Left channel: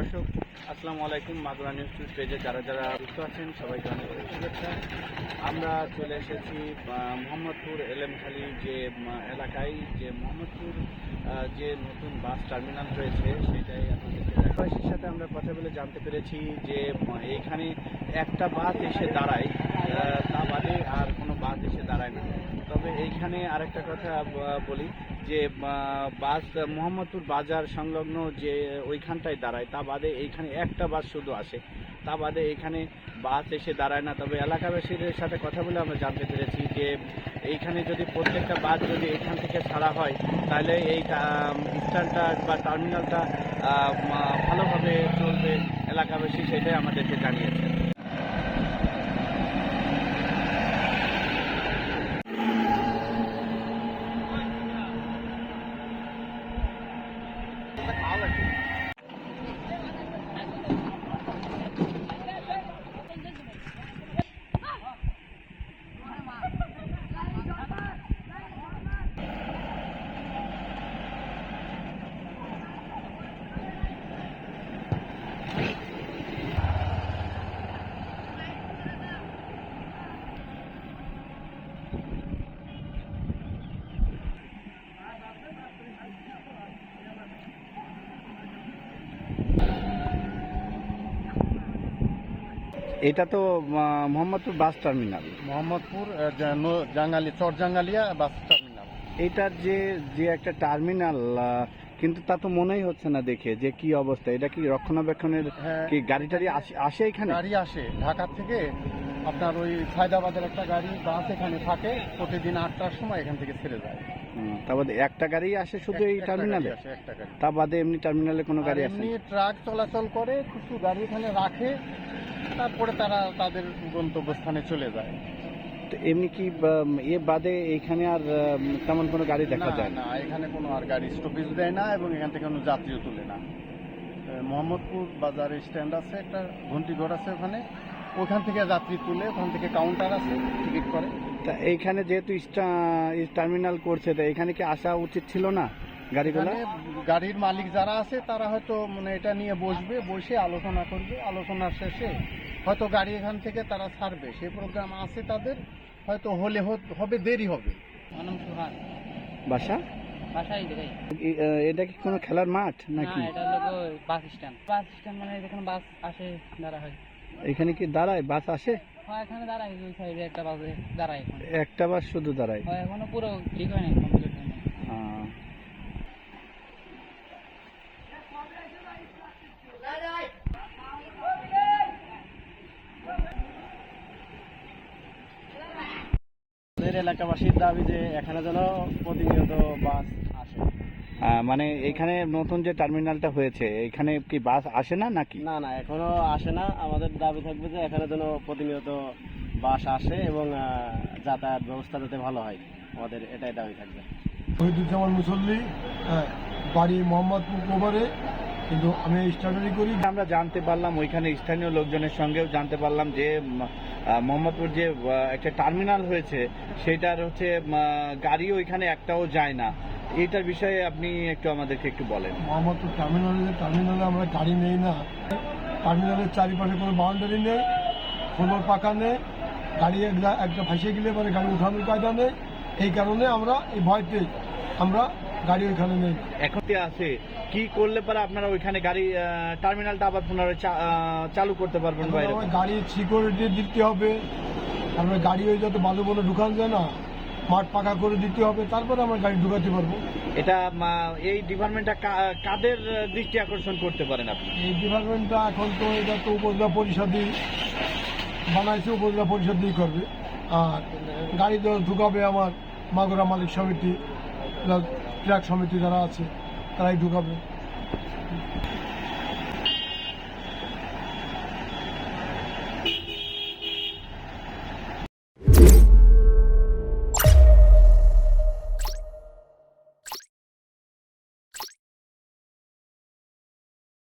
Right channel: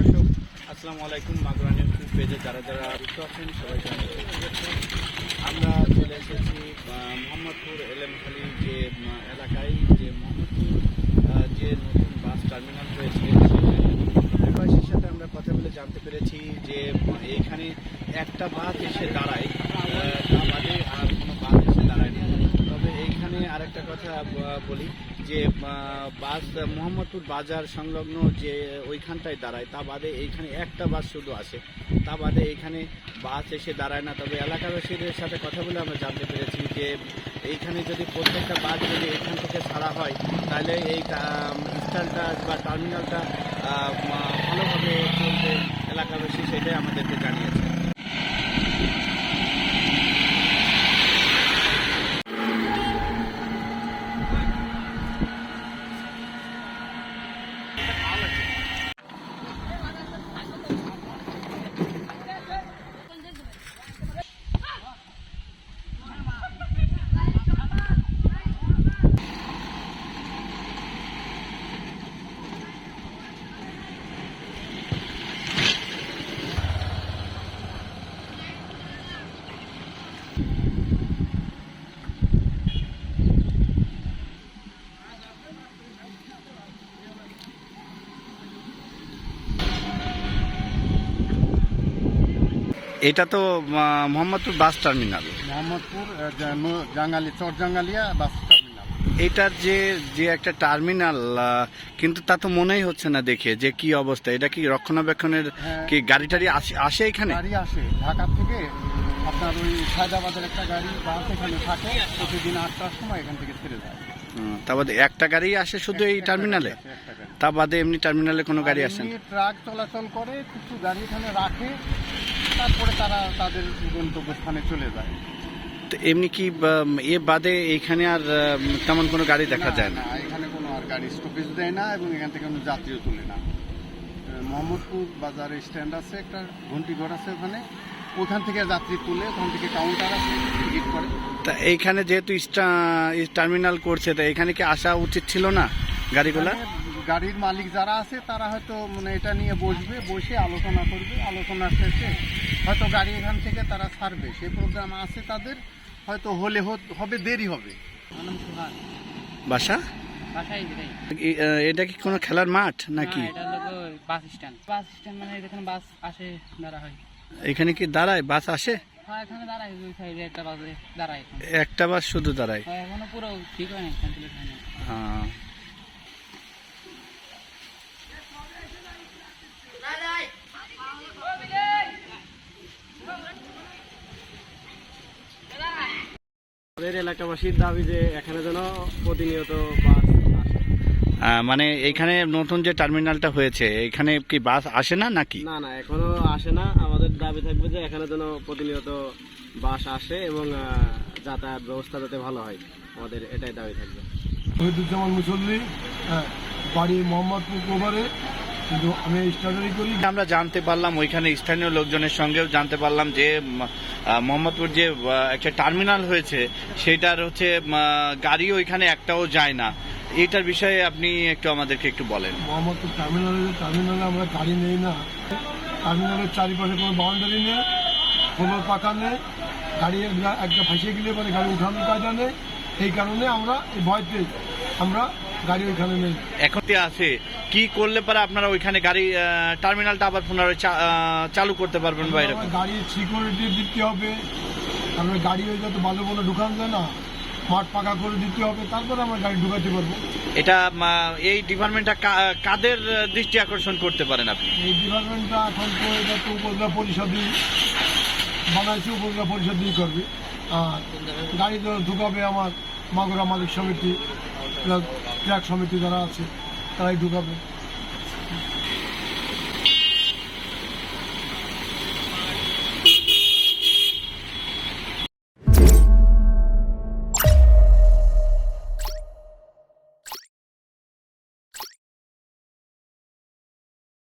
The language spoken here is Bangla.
আসসালামু আলাইকুম। মাগুরা নিউজ টিউব পেজে যারা যারা যুক্ত আছেন, সবাইকে অনেক আমরা চলে এসেছি মোহাম্মদপুর এলেমখালি যে এলাকায় যে মোহাম্মদপুর যে নতুন বাস টার্মিনাল হয়েছে বাসের সাথে আমরা কথা বলে জানতে পেরেছি যে এখানে একটা বাস এসে দাঁড়ায় তা বাদে আর কোনো বাস এসে দাঁড়ায় না। তবে এইখানে আরেকটা কথা বলি যে বাস মোহাম্মদপুর বাজার সংলগ্ন যে ওইখানটায় দাঁড়ায় তা বাদে এইখানে একটা বাস শুধু আসে। তা বাদে এইখানে বাস এসে দাঁড়ায় না। তবে এলাকাবাসীদের সাথে কথা বলে আমরা জানতে পেরেছি যে এইখানে যদি প্রত্যেকটা বাস যদি এইখান থেকে ছাড়া হয় তাহলে এই স্ট্যান্ডটা বা টার্মিনালটা আহ, এটা তো মোহাম্মদপুর বাস টার্মিনাল। মোহাম্মদপুর জাঙ্গালি চর জাঙ্গালিয়া বাস টার্মিনাল। এটার যে যে একটা টার্মিনাল কিন্তু তা তো মনেই হচ্ছে না দেখে যে কি অবস্থা। এটা কি রক্ষণাবেক্ষণের হ্যাঁ। কি গাড়ি টাড়ি আসে- আসে এখানে? গাড়ি আসে। ঢাকা থেকে আপনার ওই হায়দ্রাবাদের একটা গাড়ি বাস এখানে থাকে। প্রতিদিন আটটার সময় এখান থেকে ছেড়ে যায়। তা বাদে একটা গাড়ি আসে শুধু এই টার্মিনালে। তা বাদে এমনি টার্মিনালে কোনো গাড়ি আসে? ট্রাক চলাচল করে কিছু গাড়ি এখানে রাখে। তারপরে তারা তাদের গন্তব্যস্থানে চলে যায়। তো এমনি কি এ বাদে এইখানে আর তেমন কোনো গাড়ি দেখা যায় না? এখানে কোনো আর গাড়ি স্টপেজ দেয় না এবং এখান থেকে কোনো যাত্রীও তুলে না। মোহাম্মদপুর বাজারে স্ট্যান্ড আছে একটা ঘন্টি ঘর আছে ওখানে। ওখান থেকে যাত্রী তুলে ওখান থেকে কাউন্টার আছে টিকিট করে। তা এইখানে যেহেতু টার্মিনাল করছে তা এখানে কি আসা উচিত ছিল না গাড়িগুলো? গাড়ির মালিক যারা আছে তারা হয়তো মানে এটা নিয়ে বসবে বসে আলোচনা করবে। আলোচনা শেষে হয়তো গাড়ি এখান থেকে তারা ছাড়বে। সেই প্রোগ্রাম আছে তাদের হয়তো হলে হবে দেরি হবে। বাসা? এটা কি কোনো খেলার মাঠ নাকি? Bus stand. বাস স্ট্যান্ড মানে যেখানে বাস আসে দাঁড়া হয়। এখানে কি দাঁড়ায়? বাস আসে? হ্যাঁ এখানে দাঁড়ায় ওই সাইডে একটা বাসে দাঁড়ায় একটা বাস শুধু দাঁড়ায়? এখনও পুরো ঠিক হয় না কমপ্লিট হয় না আহ, আমাদের এলাকাবাসীর দাবি যে এখানে যেন প্রতিনিয়ত বাস আসে। মানে এখানে নতুন যে টার্মিনালটা হয়েছে এখানে কি বাস আসে না নাকি? না না এখনও আসে না। আমাদের দাবি থাকবে যে এখানে যেন প্রতিনিয়ত বাস আসে এবং যাতায়াত ব্যবস্থা যাতে ভালো হয়। আমাদের এটাই দাবি থাকবে। শহীদুজ্জামান মুসল্লি হ্যাঁ, বাড়ি মোহাম্মদপুর কোভারে কিন্তু আমি স্টাডি করি। আমরা জানতে পারলাম ওইখানে স্থানীয় লোকজনের সঙ্গেও জানতে পারলাম যে মোহাম্মদপুর যে একটা টার্মিনাল হয়েছে সেটার হচ্ছে গাড়ি ওইখানে একটাও যায় না। এটার বিষয়ে আপনি একটু আমাদেরকে একটু বলেন। মোহাম্মদপুর টার্মিনালে টার্মিনালে আমরা গাড়ি নেই না। টার্মিনালের চারিপাশে কোনো বাউন্ডারি নেই কোনো পাকা নেই। গাড়ি একটা ফাঁসিয়ে গেলে পরে গাড়ি উঠানোর কায়দা নেই। এই কারণে আমরা এই ভয়তে আমরা গাড়ি এখানে নেই। এখন আছে। কি করলে পরে আপনারা ওইখানে গাড়ি টার্মিনালটা আবার পুনরায় চালু করতে পারবেন বা এরকম? আমার গাড়ি সিকিউরিটি দিতে হবে। তারপরে গাড়ি ওই যত বালু বলে ঢুকানো যায় না মাঠ পাকা করে দিতে হবে তারপরে আমরা গাড়ি ঢুকাতে পারব। এটা এই ডিপার্টমেন্টটা কাদের দৃষ্টি আকর্ষণ করতে পারেন আপনি? এই ডিপার্টমেন্টটা এখন তো এটা তো উপজেলা পরিষদই বানাইছে উপজেলা পরিষদই করবে। আর গাড়ি তো ঢুকাবে আমার মাগুরা মালিক সমিতি। ট্রাক সমিতি যারা আছে তারাই ঢুকাবে।